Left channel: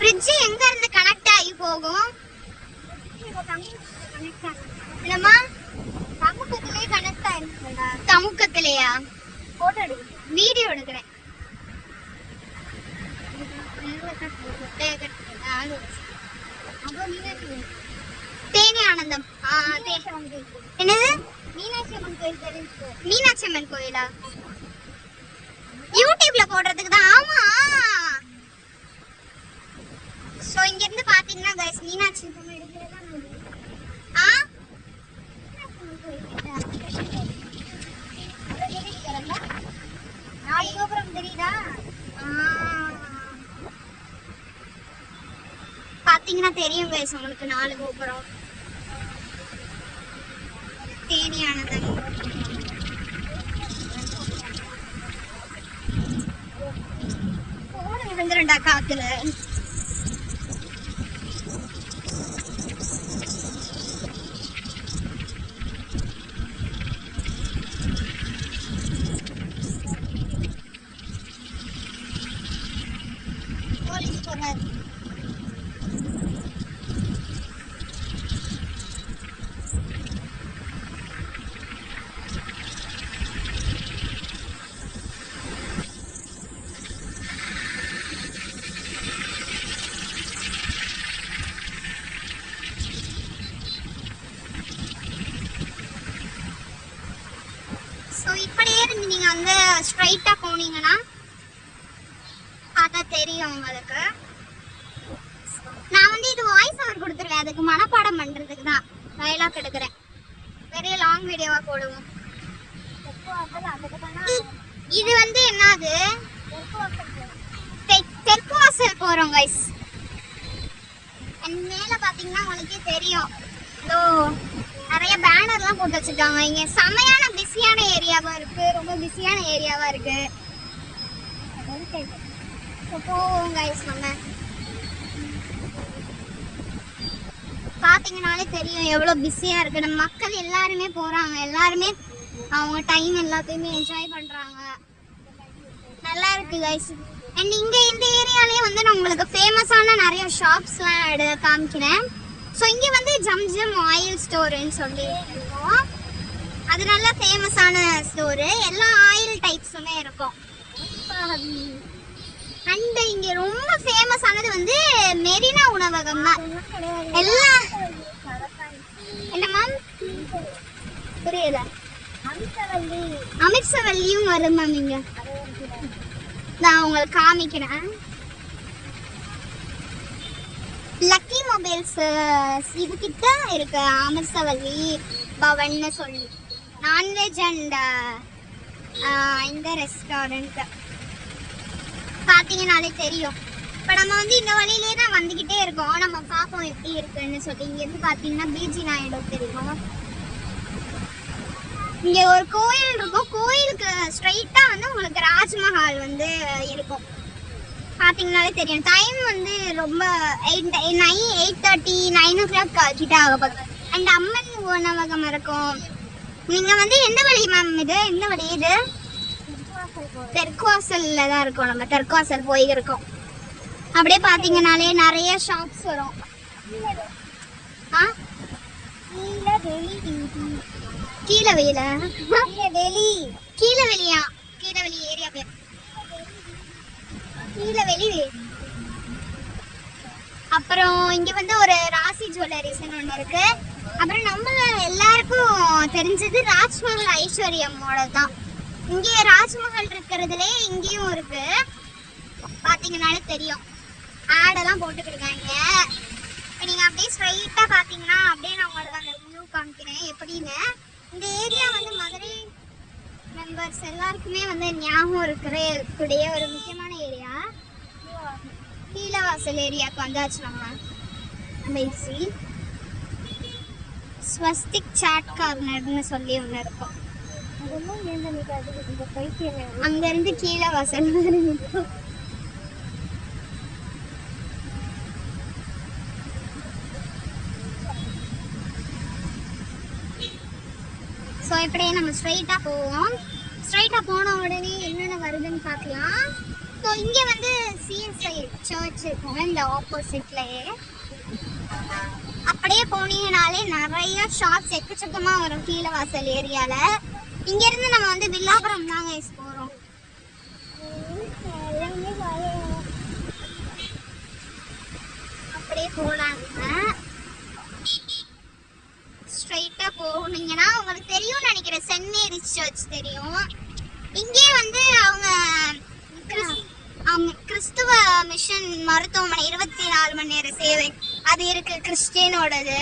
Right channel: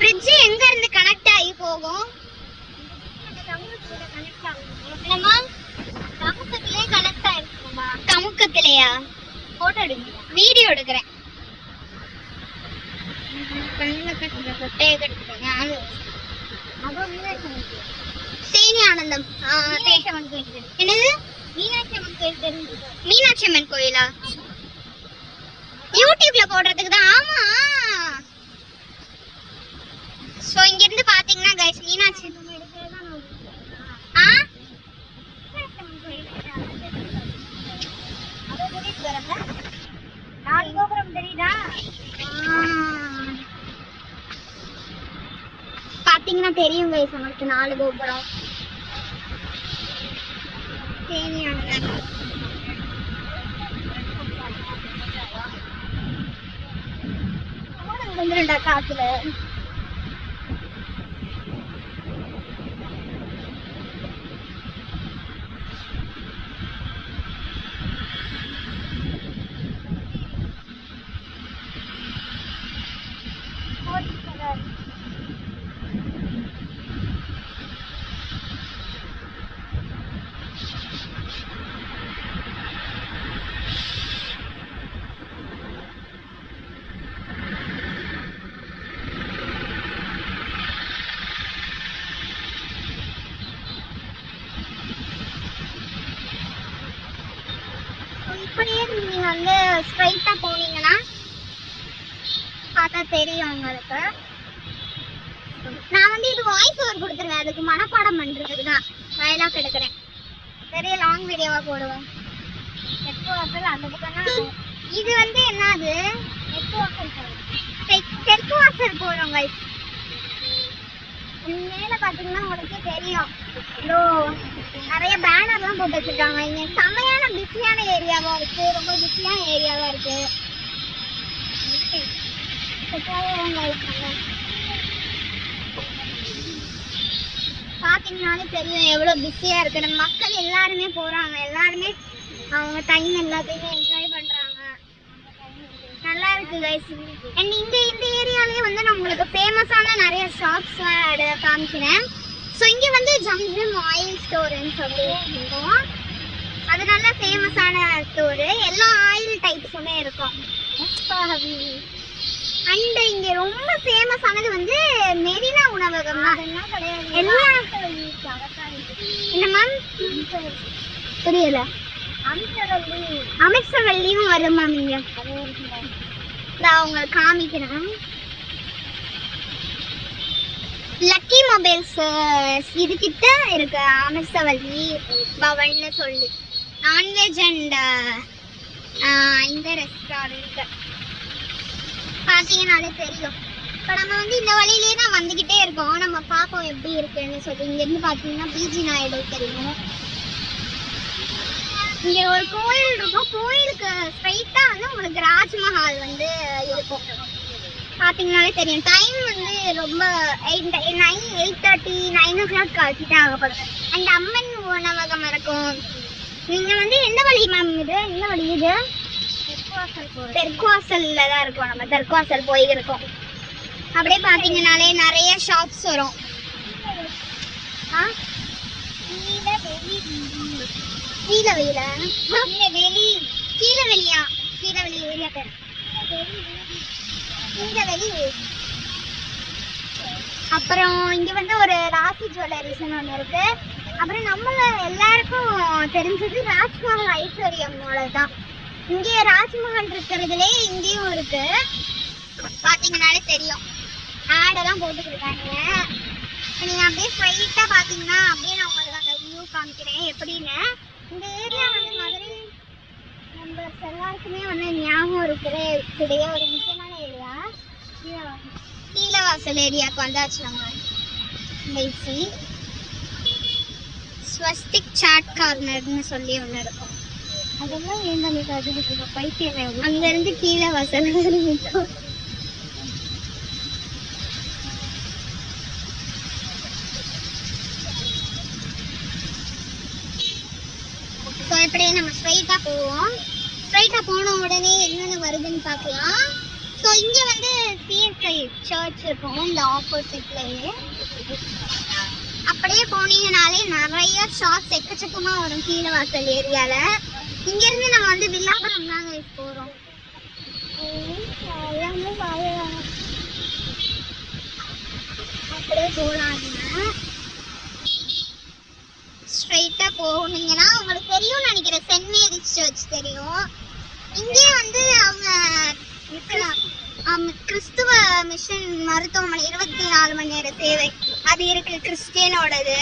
Bridge எங்க இருந்து connect ஆகி போகும்? கமுக்கத்திலே கனெக்ட் ஆயிருக்குடா. கமுக்கத்திலேயா? போட்டோ எடுங்க, வீடியோ எடுக்கிறேன். தேனி ஆனந்தம். என்னது? மீனாட்சி அம்மன் கோயிலா? யூடியூப்ல போடுறதுக்கு தான். ஆமா. சோ இங்க இருந்து பாத்தீங்கன்னா गाइस மீனாட்சி பாத்தீங்கன்னா தெரியும் गाइस உங்களுக்கு 4 கோபுரம். தேனி ஆனந்தம். போடு விழுந்துறண்டா காத்துல. இப்படியே இருந்து நீங்க வந்து ஸ்ட்ரைட்டா போனீங்கன்னா பார்த்தா தெரியும் உங்களுக்கு. நான் வந்து இது வாய்ஸ் ஓவர் கொடுத்துருவேன், அதுக்கு மனப்பாடம் பண்றதுக்கு தான் டயலாக் எடுக்கிறேன். பெரிய லாங் வீடியோவா போடுவோம். இது வந்து என்னது? தெற்கு வாசல் போறோம் गाइस. மேல பாத்தீங்கன்னா உங்களுக்கே தெரியும், இதோ நிறைய பேனர்லாம் போட்டு வச்சிருக்காங்க. இங்க செமையான பிஸியான ஏரியாவா இருக்கு, ரொம்ப பிஸியான ஏரியாவா இருக்கு. பாத்தீங்கன்னாலே தெரியும் எவ்வளவு பிஸியா இருக்கு. நம்ம மக்கள் எல்லாருமே போறாங்க, எல்லாருமே அவங்க டைம் எல்லாத்தையுமே என்ஜாய் பண்றாங்க. நல்லா இருக்கு गाइस. அண்ட் இங்க இந்த ஏரியாலயே வந்து நான் உங்களுக்கு ஃபேமஸான நிறைய ஷாப்ஸ்லாம் காமிக்கிறேன். ஸோ இங்கே வந்து ஜம்ஜம் ஆயில் ஸ்டோருன்னு சொல்லி இருக்கும். அது நல்ல ஃபேமஸான ஸ்டோரு, எல்லா ஆயில் டைப்ஸுமே இருக்கும். அண்ட் இங்கே ரொம்ப ஃபேமஸானது வந்து மெரினா உணவகம் தான். எல்லா என்ன மேம் புரியல? அமிர்சவல்லியும் வரும் மேம். இங்கே நான் உங்களுக்கு காமிக்கிறேன். லக்கி மொபைல்ஸ் இது கிட்ட இருக்கு அமிர்சவல்லி பவன்னு சொல்லி நான்வெஜ் அண்ட் இந்த ரெஸ்டாரண்ட் பார்த்தீங்கன்னாலே தெரியும். இப்போ நம்ம வந்து இந்த வழியிலேயே தான் வந்துக்கிட்டே இருக்கோம். நம்ம பார்ப்போம் எப்படி இருக்குன்னு சொல்லி. இங்கேருந்து பார்த்தீங்கன்னா பிஜி நாயுடு தெரியும். இங்கே ஒரு கோயில் இருக்கும், கோயிலுக்கு ஸ்ட்ரைட்டாக வந்து உங்களுக்கு ராஜ்மஹால் வந்து இருக்கும். பார்த்தீங்கன்னாலே தெரியும். டைம் வந்து ரொம்ப 8:30 9 o'clock கிட்ட ஆக போகுது. அண்ட் அம்மன் உணவகம் இருக்கும். நீங்கள் வந்து எந்த வழி மேம்? இது எந்த வழி? இது தெற்கு வாசலில் தான் இருக்கும். நம்ம தெற்கு வாசல் போயிருக்கோம். அப்படியே பார்த்தீங்கன்னாலே நிறைய ஷாப்ஸ் வரும். கீழவெளியா? கீழவெளி ஏரியா பேர் கீழவெளி. அப்புறம் இங்க வந்து ஒரு ராசி ஜுவல்லரிஸ்னு ஒன்று இருக்கு. அப்புறம் நம்மள எல்லாருக்கும் தெரிஞ்சது ராஜ்மஹல் ஐஸ்வர்யமோட தான். இங்கே ராஜ்மஹல் இருக்கிறதுலே இங்கேயும் இருக்கு. பார்த்தீங்கன்னாலே தெரியும், ஆடெல்லாம் போட்டுட்டு இருக்காங்க. நீங்க அப்படியே ஸ்ட்ரைட்டா பார்த்தீங்கன்னா அப்படியே நான் உங்களுக்கு அந்த வியூ காமிக்கிறேன் எப்படின்னு. இந்த ஏரியா வந்து மதுரை மெம்பர்ஸ் எல்லாருக்குமே வந்து ஞாபகம் இருக்கிற ஒரு முக்கியமான ஏரியா. கீழவாசல் ஏரியாவுக்கு வந்தாச்சு நம்ம. ஸ்வஸ்திக் சாட் கார்னர்னு சொல்லி ஒன்று இருக்கும். அதெல்லாம் ஏங்க பைத்தியம். அங்கேருந்து கீழவாசல் இருக்கும். ஸோ இப்படியே நம்ம ஸ்ட்ரைட்டாக போவோம். ஸ்ட்ரைட்டாக போன உடனே என்னென்ன வருதுன்னு பார்க்கலாம். ஸோ இங்க வந்து சிஎஸ்ஐ சர்ச் இருக்கும் இந்த ஆப்போசிட்லயே. அப்படியே போனீங்கனாலே நிறைய ஷாப்ஸ் எக்கச்சக்கமா வரும் கீழவாசல் ஏரியால. இங்க இருந்து நம்ம வந்து வில்லாபுரம் தான் கைஸ் போறோம். அப்படியே போலாங்க. ஸ்ட்ரைட்டா போனீங்கன்னா உங்களுக்கு தெரியும் நினைக்கிறேன், சென்ட் மேரிஸ் சர்ச் தெரியும். இங்கே வந்து அவங்க கிறிஸ்துவ மிஷன் மருத்துவமனை 24 மணி நேர சேவை அது இருக்கு, கிறிஸ்டியனோடது.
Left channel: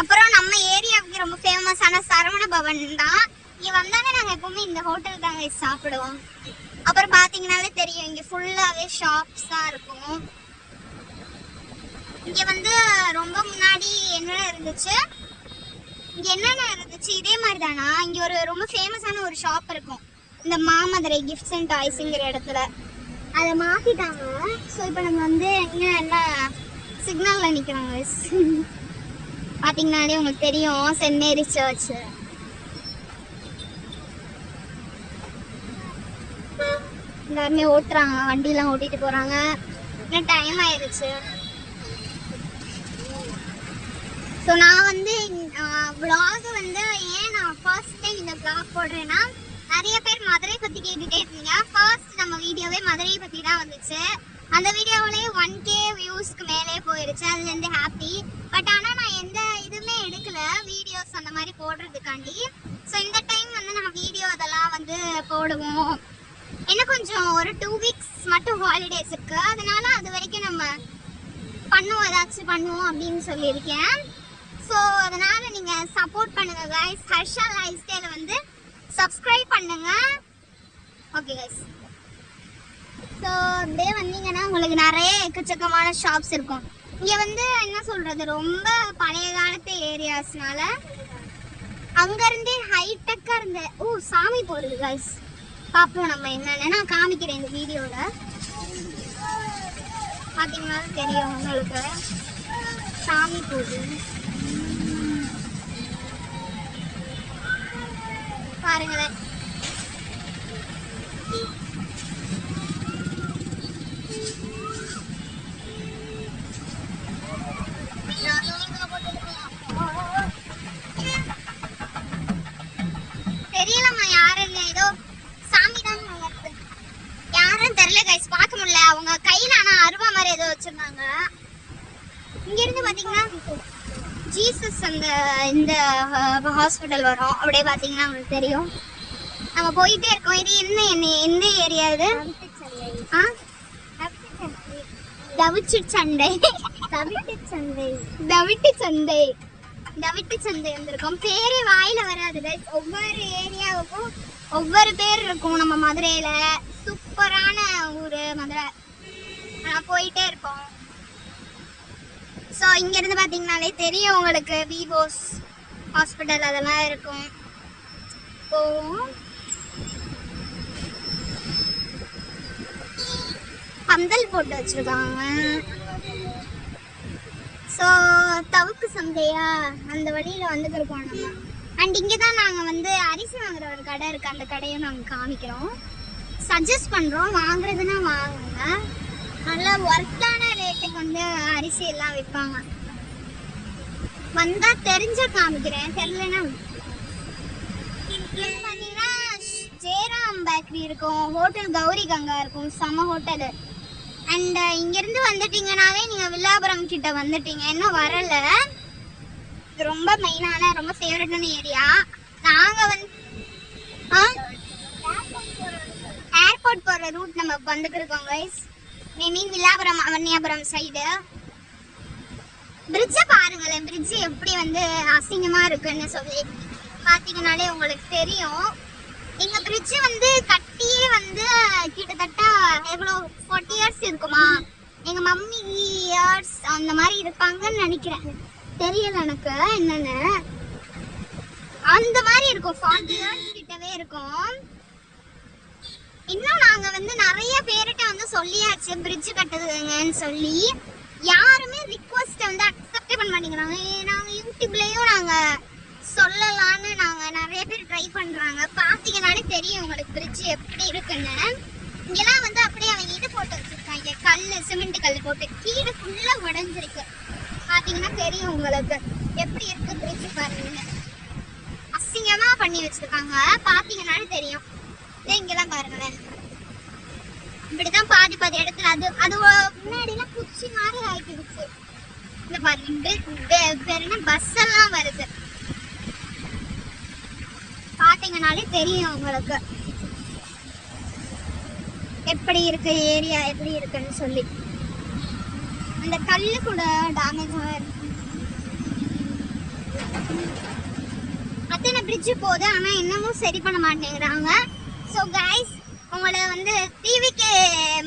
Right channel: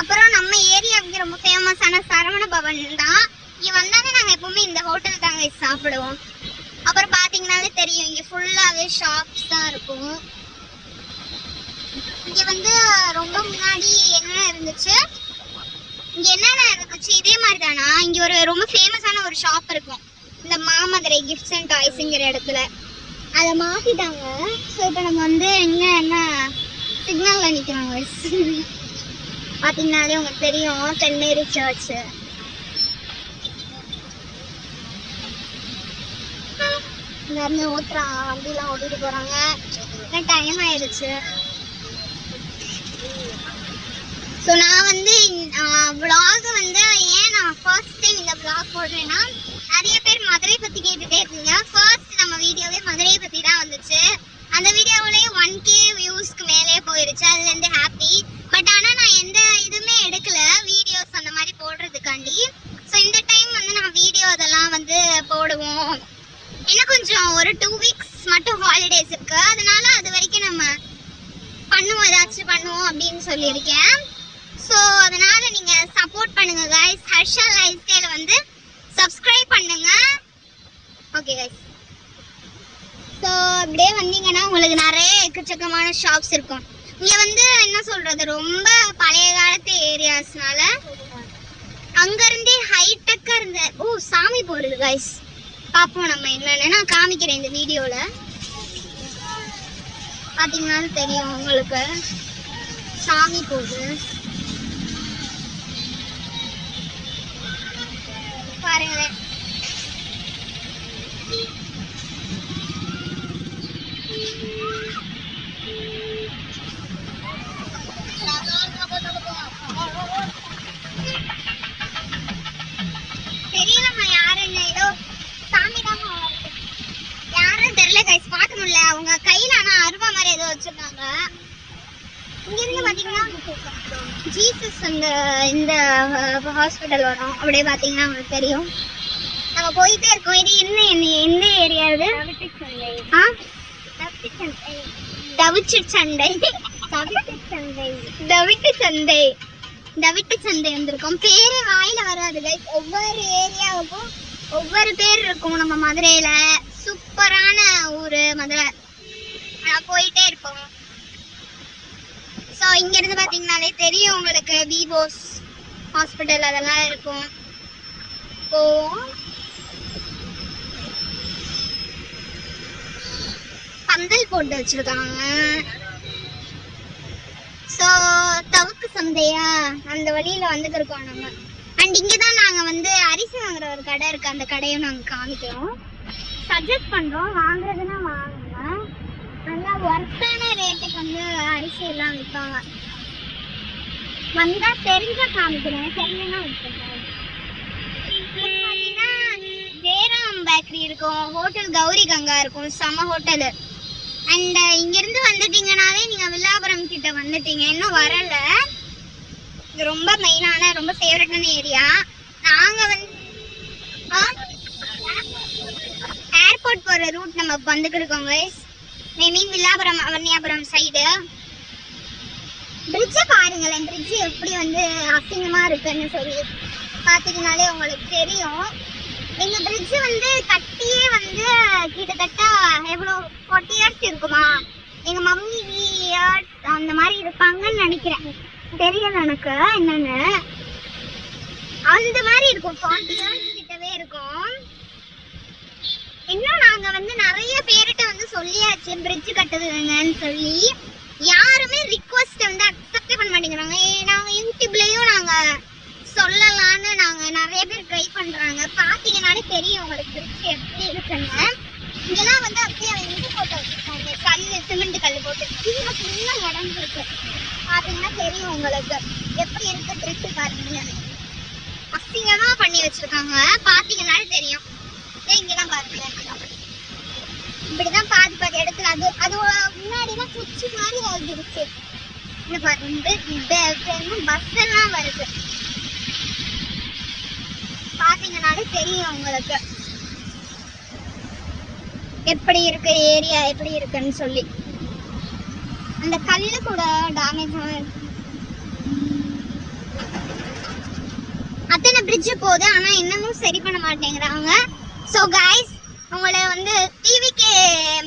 அப்புறம் நம்ம ஏரியாவுக்கு ரொம்ப ஃபேமஸான சரவண பவன் தான். இங்க வந்தாங்க நாங்க எப்பவுமே இந்த ஹோட்டல் தாங்க சாப்பிடுவோம். அப்புறம் பாத்தீங்கன்னாலே தெரியும் இங்க ஃபுல்லாவே ஷாப்ஸ் தான் இருக்கும். இங்க வந்து ரொம்ப முன்னாடி என்ன இருந்துச்சு, இங்க என்னென்ன இருந்துச்சு இதே மாதிரி தானா. இங்க ஒரு ரொம்ப ஃபேமஸான ஒரு ஷாப் இருக்கும், இந்த மாமதுரை கிஃப்ட்ஸ் அண்ட் டாய்ஸ்ங்கிற இடத்துல. அதை மாத்திட்டாங்க. ஸோ இப்போ நம்ம வந்து என்ன சிக்னல்ல நிற்கிறாங்க. பார்த்தீங்கன்னாலே உங்களுக்கு தெரியும் சென்ட் மேரிஸ் சர்ச். எல்லாருமே ஊத்துறாங்க, வண்டியெல்லாம் ஓட்டிட்டு போறாங்க. இன்னும் டைம் ஆயிடுச்சு. ஸோ நான் வந்து vlog வந்து ஏன் நான் ஃபர்ஸ்ட் டைம் இந்த vlog போடுறேன்னா, நிறைய பேர் மதுரை பத்தி கேட்டுட்டே இருக்கீங்க. ஃபர்ஸ்ட் நம்ம வீடியோவே மதுரை பத்தி தான் வந்துச்சு. அந்த வீடியோவிலேயே 1K வியூஸ்க்கு மேலே போயிருச்சு. அதுலேருந்து ஹாப்பி. பட் ஆனால் நான் எந்த இதுவுமே எடுக்கல வீடியோஸ் அந்த மாதிரி போடுறதுக்காண்டி. ஸோ இந்த டைம் வந்து நான் வீடியோ அதெல்லாம் வந்து போடுவோம். இன்னும் கொஞ்சம் ஒரு 2 வீக்ஸ் மட்டும் ஹாலிடேஸ் இருக்கு, அதனால அது வரைக்கும் நம்ம பண்ணுவோம், ஏதாச்சும் பண்ணுவோம் அப்படின்னு சொல்லியிருக்கேன். ஸோ அதனால நீங்க சப்போர்ட் பண்ணுங்க கைஸ். ஹர்ஷா லைஃப் ஸ்டைல வந்து சப்ஸ்கிரைப் பண்ணுங்க. Okay guys. ஸோ அப்படியே வந்தீங்கன்னா உங்களுக்கு நிறைய எக்கச்சக்கமான ஷாப்ஸ் இருக்கும். இங்க வந்து என்ன சொல்றது, ரொம்ப பழைய காலத்து ஏரியாஸ்னால அங்கிருந்தே ஹைடெக்கா இருந்த சாமி போடுறது கைஸ். பார்ப்போம் நம்ம என்னன்னு நான் காமிக்கிறேன் இந்த வீடியோல. பார்த்தீங்கன்னா தெரியும் உங்களுக்கு சாமி போகுது பாருங்களேன். தெரியலம்மா யாருன்னு, ஏதோ சாமி தான் யாருன்னு தெரியல கைஸ், பார்க்க முடியல. அவங்க கையில ஆனா அருவா மாதிரி ஏதோ வச்சிருக்காங்க. இங்க இருந்து பாத்தீங்கன்னா ஜீசஸ் அந்த இந்த ஹாஸ்பிட்டல் வரும். அப்படியே பாத்தீங்கன்னா உங்களுக்கு தெரியும். நம்ம போயிட்டே இருக்கோம். இது என்ன எந்த ஏரியா இது? தவிட்டு சந்தை வந்திருக்கோம். பேரே வாயில வராது கைஸ். ஒவ்வொரு ஏரியாவுக்கும் ஒவ்வொரு பேர் இருக்கும். நம்ம மதுரையில சூப்பரான ஊரு மதுரை. போயிட்டே இருக்கோம். ஸோ இங்க இருந்து பாத்தீங்கன்னாலே தெரியும் உங்களுக்கு விவோஸ் ஹாஸ்பிட்டல் அதெல்லாம் இருக்கும். போவோம். பந்தல் போட்டு வச்சிருக்காங்க. ஸோ தவுக்கு சந்தையா அந்த வழியில வந்துட்டு இருக்கோம் நம்ம. அண்ட் இங்கே தான் நாங்கள் வந்து அரிசி வாங்குற ஒரு கடை இருக்கு, அந்த கடையும் நாங்கள் காமிக்கிறோம். சஜஸ்ட் பண்ணுறோம், வாங்குறதுன்னா வாங்குங்க. நல்லா ஒர்த்தான ரேட்டுக்கு வந்து அரிசி எல்லாம் விற்பாங்க. வந்தா தெரிஞ்சா காமிக்கிறேன், தெரியலன்னா பார்த்தீங்கன்னா ஜெயராம் பேக்கரி இருக்கும், ஹோட்டல் கௌரி கங்கா இருக்கும், செம ஹோட்டலு. அண்ட் இங்கிருந்து வந்துட்டீங்கனாலே நீங்க வில்லாபுரம் கிட்ட வந்துட்டீங்க. இன்னும் வரல. இது ரொம்ப மெயினான ரொம்ப ஃபேவரட்டான ஏரியா. நாங்க வந்து ஏர்போர்ட் போற ரூட் நம்ம வந்துட்டு இருக்கோம் கைஸ். மீன் வில்லாபுரம் அவனியாபுரம் சைடு. பிரிட்ஜை பாருங்களேன், பிரிட்ஜ் எப்படி வந்து அசிங்கமா இருக்குன்னு சொல்லி பாத்தீங்கன்னாலே உங்களுக்கு தெரியும். இந்த பிரிட்ஜ் வந்து கட்டியே வந்து கிட்டத்தட்ட எவ்வளோ 40 இயர்ஸ் இருக்குமா. எங்க மம்மி இயர்ஸ் அந்த மாதிரி இருப்பாங்கன்னு நினைக்கிறேன், தெரியல எனக்கு என்னன்னு. அந்த மாதிரி இருக்கும், 40 இயர்ஸ் கிட்டவே இருக்கும். இன்னும் நாங்க வந்து நிறைய பேர்கிட்ட வந்து சொல்லியாச்சு பிரிட்ஜ் கட்டுதுங்கன்னு சொல்லி. யாருமே ரிக்வெஸ்ட் வந்து அக்செப்டே பண்ண மாட்டேங்கிறாங்க. நாங்க யூடியூப்லயும் நாங்க சொல்லலான்னு நாங்க நிறைய பேர் ட்ரை பண்றாங்க. பாத்தீங்கன்னாலே தெரியும் உங்களுக்கு பிரிட்ஜ் எப்படி இருக்குன்னு. இங்கெல்லாம் வந்து அப்படியே அவங்க இது போட்டு வச்சிருக்காங்க, கல் சிமெண்ட் கல் போட்டு. கீழே ஃபுல்லா உடஞ்சிருக்கு. பாத்தீங்கன்னா தெரியும் உங்களுக்கு எப்படி இருக்கு பிரிட்ஜ் பாருங்க. அசிங்கமா பண்ணி வச்சிருக்காங்க, பாத்தீங்கன்னாலும் தெரியும். இங்கெல்லாம் பாருங்க, இப்படிதான் பாதி பாதி இடத்துல. அது முன்னாடிலாம் குச்சி மாதிரி ஆகிடுச்சு. இந்த பாருங்க பஸ் எல்லாம் வருது, பாத்தீங்கன்னாலே தெரியும் உங்களுக்கு எப்படி இருக்கு ஏரியா எப்படி இருக்குன்னு சொல்லி. அந்த கல்லு கூட டேமேஜ் ஆயிருக்கு. அத்தனை பிரிட்ஜ் போகுது, ஆனா இன்னமும் சரி பண்ண மாட்டேங்கிறாங்க. ஸோ கைஸ், உங்களை வந்து டிவிகே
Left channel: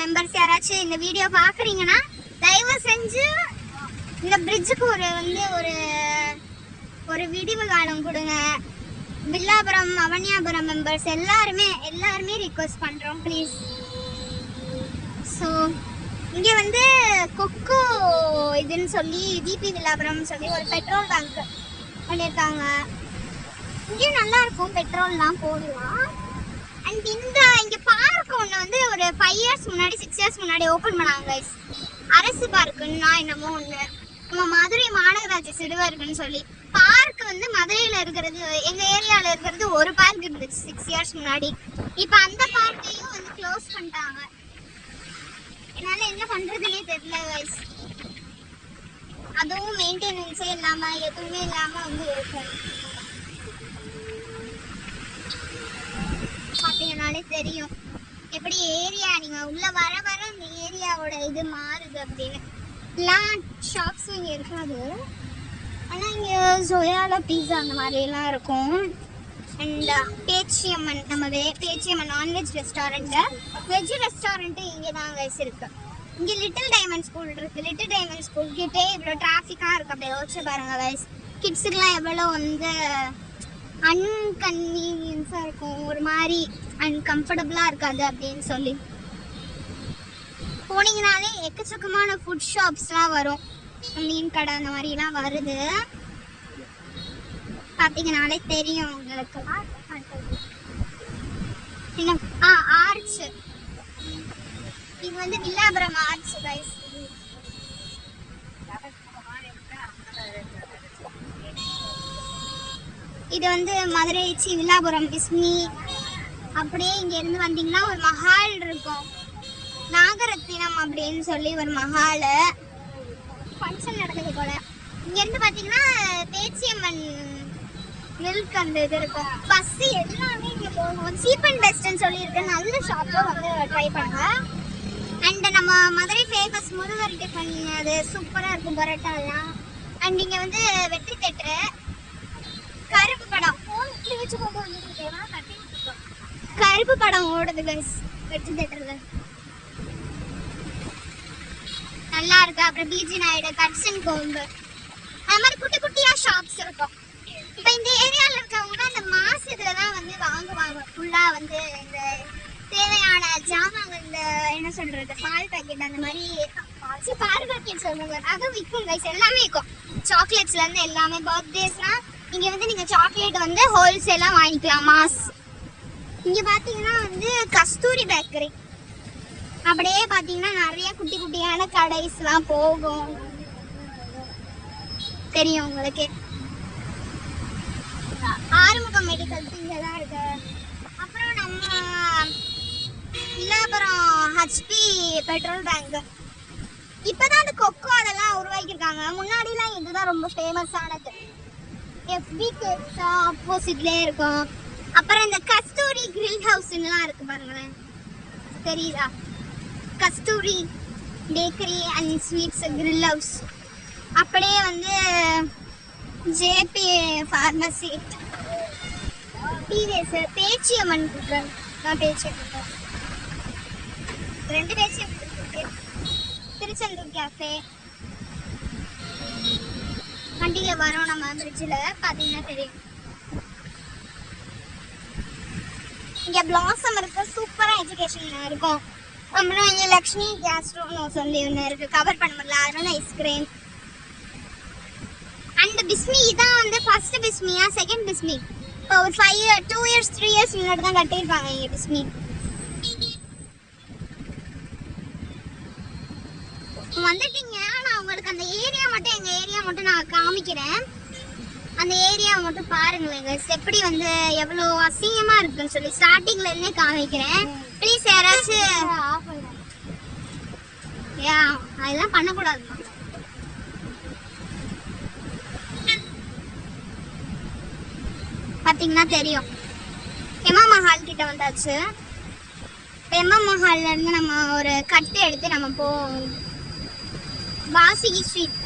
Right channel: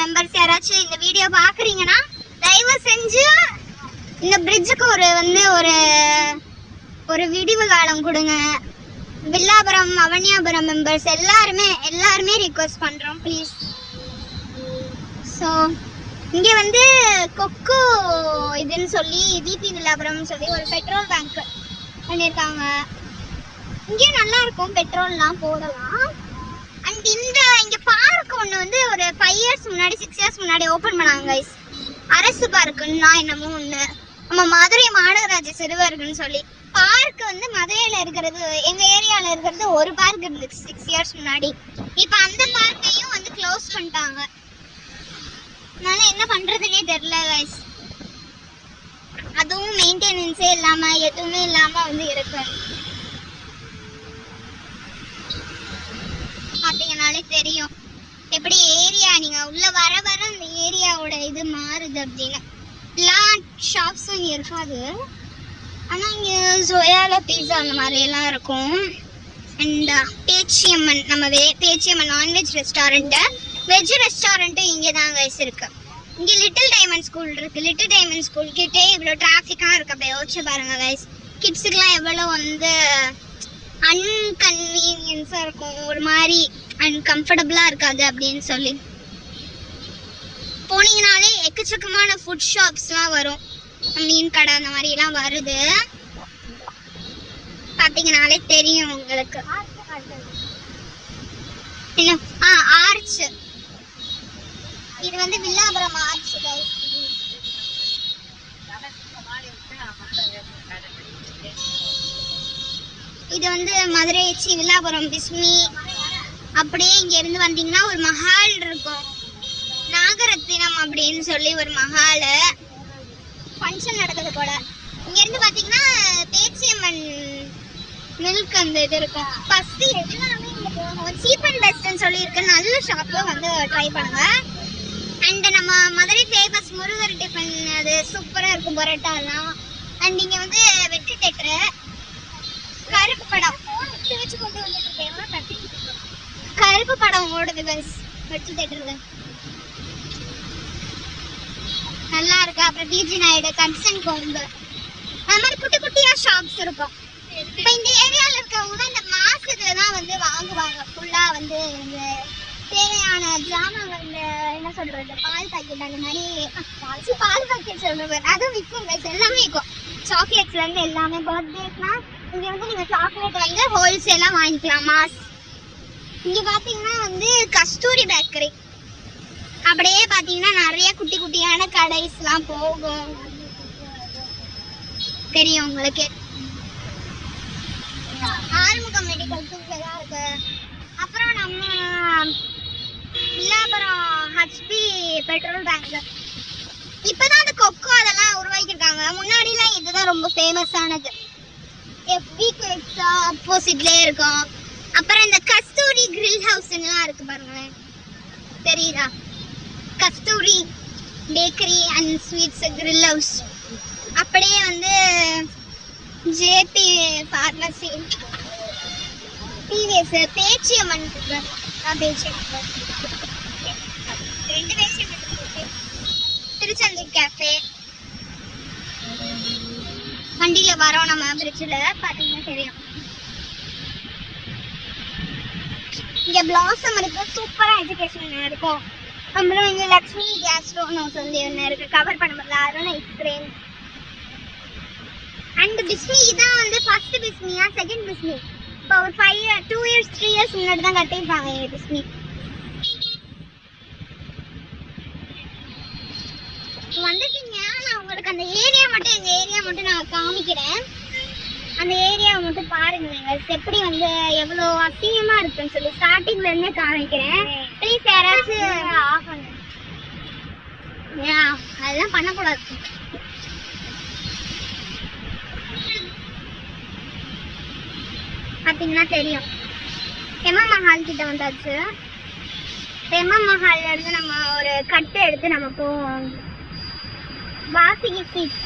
மெம்பர்ஸ் யாராச்சும் இந்த வீடியோ பார்க்குறீங்கன்னா தயவு செஞ்சு இந்த பிரிட்ஜுக்கு ஒரு விடிவு காலம் கொடுங்க. வில்லாபுரம் அவனியாபுரம் மெம்பர்ஸ் எல்லாருமே ரிக்வெஸ்ட் பண்ணுறோம் ப்ளீஸ். ஸோ இங்கே வந்து கொக்கோ இதுன்னு சொல்லி விபி வில்லாபுரம் சொல்லி ஒரு பெட்ரோல் பேங்க் பண்ணியிருக்காங்க. இங்கேயும் நல்லா இருக்கும், பெட்ரோல்லாம் போடலாம். அண்ட் இங்கே பார்க் ஒன்று வந்து ஒரு 5 இயர்ஸ் முன்னாடி 6 இயர்ஸ் முன்னாடி ஓப்பன் பண்ணாங்க கைஸ். அரசு பார்க்குன்னா என்னமோ ஒன்று, நம்ம மதுரை மாநகராட்சி சிறுவர்கள்னு சொல்லி பார்க் வந்து மதுரையில் இருக்கிறது, எங்கள் ஏரியாவில் இருக்கிறது ஒரு பார்க் இருந்துச்சு 6 இயர்ஸ் முன்னாடி. இப்போ அந்த பார்க்கையும் வந்து க்ளோஸ் பண்ணிட்டாங்க. அதனால என்ன பண்ணுறதுனே தெரியல கைஸ். அதுவும் மெயின்டெனன்ஸே இல்லாமல் எதுவுமே இல்லாமல் வந்து இருக்கு. பார்த்தீங்கனாலே தெரியும் எப்படி ஏரியா நீங்கள் உள்ள வர வர அந்த ஏரியாவோட இது மாறுது அப்படின்னு. எல்லா ஷாப்ஸும் இருக்காது, ஆனால் இங்கே ஜோயால பீஸா அந்த மாதிரியெல்லாம் இருக்கும். அண்ட் பேச்சியம்மன், நம்ம பேச்சியம்மன் நான்வெஜ் ரெஸ்டாரண்ட்டு, வெஜ் ரெஸ்டாரண்ட்டும் இங்கே தான் கைஸ் இருக்கு. இங்கே லிட்டில் டைமண்ட் ஸ்கூல் இருக்கு. லிட்டில் டைமண்ட் ஸ்கூல் கிட்டே இவ்வளோ டிராஃபிக்காக இருக்கு. அப்படியே யோசிச்சு பாருங்க கைஸ், கிட்ஸுக்கெலாம் எவ்வளோ வந்து அன்கன்வீனியன்ஸாக இருக்கும், ஒரு மாதிரி அன்கம்ஃபர்டபுளாக இருக்காது அப்படின்னு சொல்லி. போனீங்கனாலே எக்கச்சக்கமான ஃபுட் ஷாப்ஸ்லாம் வரும், மீன் கடை அந்த மாதிரிலாம் வருது. பார்த்தீங்கனாலே தெரியும் உங்களுக்கு. இன்னும் ஆர்ச், இது வந்து வில்லாபுரம் ஆர்ச் கைஸ். இது வந்து மதுரை வில்லாபுரம் பிஸ்மி. அப்படியே இங்க இருந்து வந்தீங்கன்னா ஒரு மஹால் இருக்கும், நாகரத்தினம் அப்படின்னு சொல்லி ஒரு மஹால். ஃபங்க்ஷன் நடக்குது போல. இங்க இருந்து பாத்தீங்கன்னா பேச்சியம்மன் மில்க் அந்த இது இருக்கும். பஸ் எல்லாமே இங்க போகும். சீப் அண்ட் பெஸ்ட்னு சொல்லி இருக்கு, நல்ல ஷாப்ல வந்து ட்ரை பண்ணுங்க. அண்ட் நம்ம மதுரை ஃபேமஸ் முருகர் டிஃபன், அது சூப்பராக இருக்கும் பரோட்டாலாம். அண்ட் இங்கே வந்து வெற்றி தேட்டரு, கருப்பு படம் வச்சு கொண்டு வந்துட்டு கருப்பு படம் ஓடுது பஸ் வெற்றி தேட்டரில், நல்லா இருக்கு. அப்புறம் பிஜி நாயுடு, கட்சன் கோம்பு, அது மாதிரி குட்டி குட்டியாக ஷாப்ஸ் இருக்கும். இப்போ இந்த ஏரியாவில் இருக்கவங்கன்னா இந்த மாசத்துல தான் வந்து வாங்குவாங்க ஃபுல்லாக வந்து இந்த தேவையான ஜாமான். இந்த என்ன சொல்றது, பால் பாக்கெட் அந்த மாதிரி பால் பாக்கெட் சொல்றது அதுவும் விற்கும் கைஸ், எல்லாமே விற்கும். சாக்லேட்ஸ்ல இருந்து எல்லாமே. பர்த்டேஸ்லாம் இங்க வந்து நீங்க சாக்லேட் வந்து ஹோல்சேலா வாங்கிக்கலாம் மாஸ். இங்க பாத்தீங்கன்னா வந்து கஸ்தூரி பேக்கரி, அப்படியே பாத்தீங்கன்னா நிறைய குட்டி குட்டியான கடைஸ்லாம் போகும், தெரியும் உங்களுக்கு. ஆறுமுகம் மெடிக்கல் இங்கதான் இருக்கு. அப்புறம் நம்ம வில்லாபுரம் ஹெச்பி பெட்ரோல் பேங்க், இப்பதான் அந்த கொக்கோ அதெல்லாம் உருவாக்கியிருக்காங்க. முன்னாடிலாம் இதுதான் ரொம்ப ஃபேமஸானது. எஃபி கேக்ஸா ஆப்போசிட்லேயே இருக்கும். அப்புறம் இந்த கஸ்தூரி கிரில் ஹவுஸ்லாம் இருக்கு பாருங்களேன், தெரியுதா? Kasturi bakery and sweets grill house. அப்படியே வந்து ஜேபி ஃபார்மசி, டிவிஎஸ், பேச்சியம்மன் இருக்கு. நான் பேச்சியம்மன், ரெண்டு பேச்சியம்மன் இருக்கு. திருச்செந்தூர் கேஃபே, வண்டியில வரோம் நம்ம பிரிட்ஜில் பார்த்தீங்கன்னா தெரியும். இங்க பிளாசம் இருக்கு, சூப்பரா எஜுகேஷன் இருக்கும். அப்புறம் இங்க லக்ஷ்மி கேஸ்ட்ரோன்னு சொல்லி ஒன்று இருக்கு, கவர் பண்ண முடியல, அருண் ஐஸ்கிரீம். அண்ட் பிஸ்மி இதான் வந்து ஃபர்ஸ்ட் பிஸ்மியா செகண்ட் பிஸ்மி? இப்போ ஒரு 2 இயர்ஸ் 3 இயர்ஸ் முன்னாடி தான் கட்டியிருக்காங்க இங்கே பிஸ்மி. காமிக்கிறேன். அந்த ஏரியாவை மட்டும் பாருங்க எப்படி வந்து எவ்வளோ அசிங்கமா இருக்குன்னு சொல்லி ஸ்டார்டிங்ல இருந்தே காமிக்கிறேன். ப்ளீஸ் யாராச்சும் ஆஃப் பண்ணுங்க. அதெல்லாம் பண்ணக்கூடாது. பார்த்தீங்கன்னா தெரியும். எம்மா மஹால் கிட்ட வந்தாச்சு. எம்மா மஹால்ல இருந்து நம்ம ஒரு கட்டு எடுத்து நம்ம வாசுகி ஸ்ட்ரீட்